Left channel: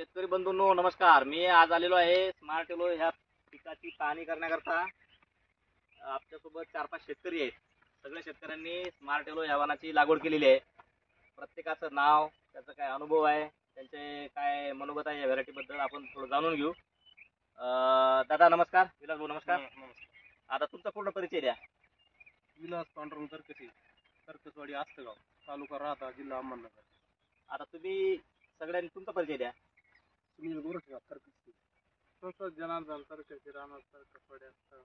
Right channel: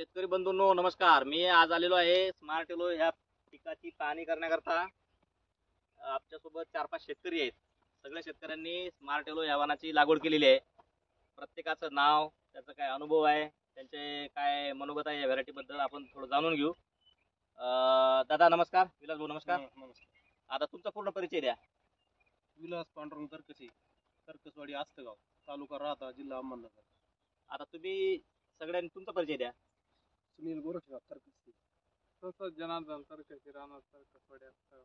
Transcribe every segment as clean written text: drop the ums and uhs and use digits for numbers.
शेतकरी बंधूंनो नमस्कार. मी आज आलेलो आहे स्मार्ट येलो ह्या पिकाची पाहणी करण्याकरता. आपल्यासोबत 4-5 शेतकरी आहेत. सगळ्या शेतकऱ्यांनी स्मार्ट येलो ह्या वाणाची लागवड केलेली आहे. प्रत्येकाचं नाव, त्याचा काय अनुभव आहे, त्यांचे काय मनोगत आहे या व्हरायटी बद्दल आपण थोडं जाणून घेऊ. दादा नमस्कार. विलास भाऊ नमस्कार. आता तुमचा पूर्ण परिचय द्या. विलास पांडुरंग तरकसे, तरकसवाडी, आस्तगाव, तालुका राहता, जिल्हा अहमदनगर. आता तुम्ही सगळ्यांनी तुमचा परिचय द्या. सुनील गोरठगाव, तरकसे. प्रसाद जनार्दन तरकसे, राहणार तरकसवाडी, आस्तगाव.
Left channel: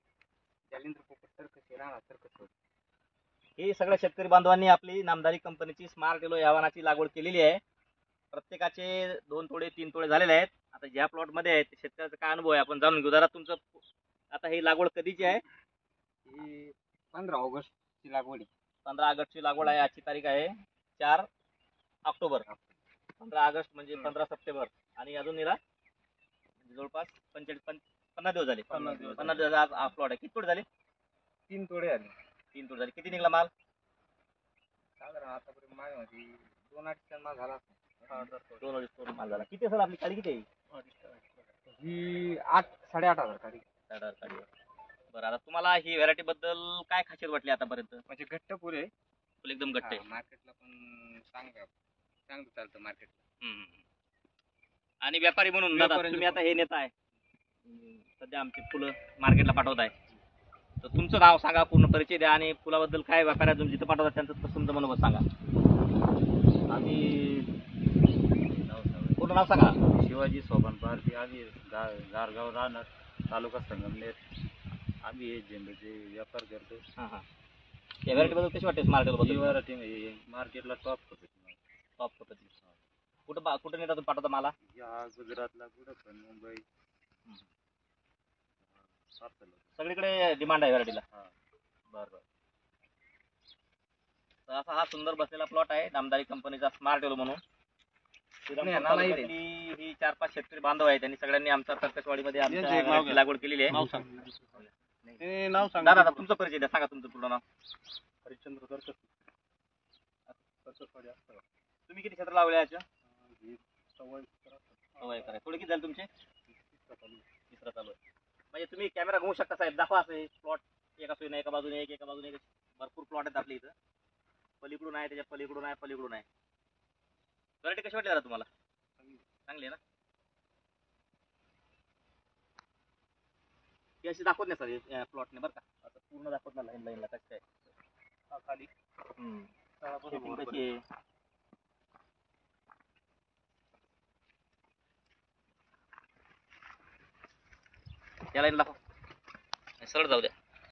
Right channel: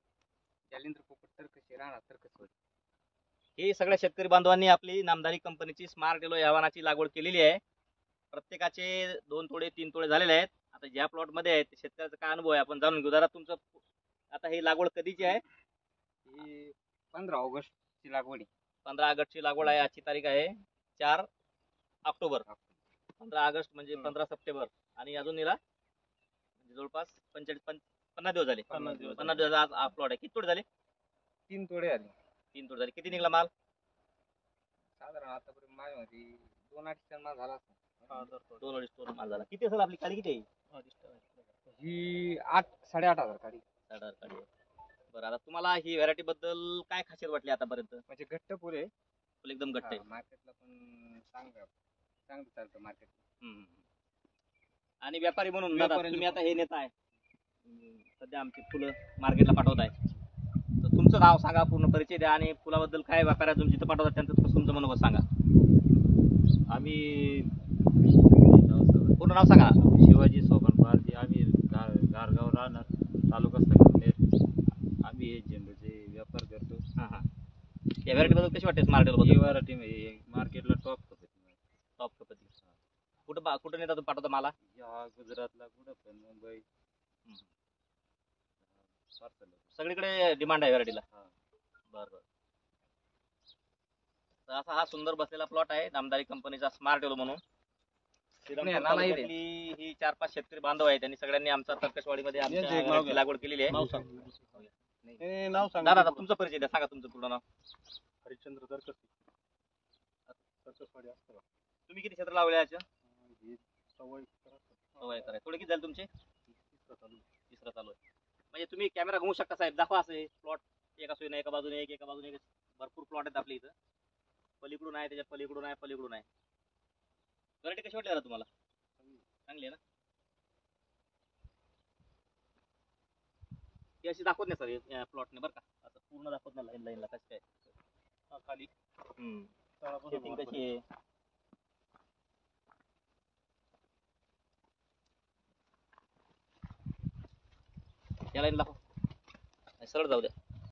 जालिंद्र पोपट तरकसे, राहणार तरकसवाडी. हे सगळ्या शेतकरी बांधवांनी आपली नामदारी कंपनीची स्मार्ट येलो या वाणाची लागवड केलेली आहे. प्रत्येकाचे 2 तोडे 3 तोडे झालेले आहेत. आता ज्या प्लॉट मध्ये आहे शेतकऱ्याचा काय अनुभव आहे आपण जाणून घेऊ. जरा तुमचं आता ही लागवड कधीची आहे? ही 15 ऑगस्टची लागवड आहे. 15 ऑगस्टची लागवड आहे. आजची तारीख आहे 4 ऑक्टोबर. 15 ऑगस्ट म्हणजे 15 सप्टेंबर आणि अजून याला जवळपास 50 दिवस झाले. 50 दिवस आज हा प्लॉट आहे. किती तोडे झाले? 3 तोडे आले. 3 तोडे झाले. किती निघला माल? साधारण आतापर्यंत माझ्यामध्ये 2-2.5 टन माल झाला असेल. 2-2.5 टन माल झाला. किती असेल आपली काळी किती आहे? ही 8-8.5 काढी. बरं, आता तुम्हाला ही व्हरायटी बद्दल काय खासियत वाटली आतापर्यंत? म्हणजे घट्ट फुल आहे. फुल एकदम घट्ट आहे. मार्केटला पण चांगलं चालतं मार्केटला. आणि व्यापारी म्हणून दादा तुम्ही आता हे नेता आहे, सध्या आमची फुलं मार्केटला पाठवत आहे, तर तुमचं नाव सांगा, पूर्ण परिचय द्या आणि फुलाबद्दल काय व्यापाऱ्या तुम्ही जिथं पाठवतात त्यांचं तुमचं मनोगत सांगा. आम्ही पूर्ण नाव सांगा. शिवाजी सोपान पारधी. आम्ही गारगाव राहणार, तालुका संगमनेर. आम्ही हे झेंडूचे व्यापार करतो. हां. या व्हरायटी बद्दल कशी वाटते स्मार्ट येलो बद्दल? व्हरायटी मार्केटला टॉप पद्धती. कुठं नेता तुम्ही पाठवता मला? या गुजरातला कुठं पण, मुंबई सगळीकडे डिमांड आहे व्हरायटीला. हा. बरं. तर असा हा सुंदर बसलेला प्लॉट आहे नामदारी कंपनीचा स्मार्ट येलो म्हणून. ही 4-5 शेतकरी बांधव आहे, त्यांनी सगळ्यांनी आमच्या तरकसवाडीमध्ये आमच्या लागवड केलेली आहे. दादा तुमचा परिचय द्या, सांगा तुमचं पूर्ण नाव. हरिश्चंद्र तरकसे, तरकसवाडी, आस्तगाव. तुम्ही किती क्षेत्र लावले याच्या? सवय करा. थोडे किती झाले तुमचे? तिसरा चालू आहे. म्हणजे तुम्ही कॅमेरा घुमू शकता साहेब, दाखवा असे प्लॉट एका सोयीने, एका बाजूने एका बाजूने भरपूर प्लॉट आहेत आपल्या इथं. पलीकडून आहे, त्याच्या पलीकडून आहे. व्हरायटी कशी वाटली तुम्हाला? चांगली आहे ना? ती अशी दाखवत नाही सर प्लॉटने, बरं का? आता पूर्ण दाखवत नाही लाईनला कशी काय खाली सेटिंग कशी आहे. या लाईन दाखव, सरळ जाऊ द्या.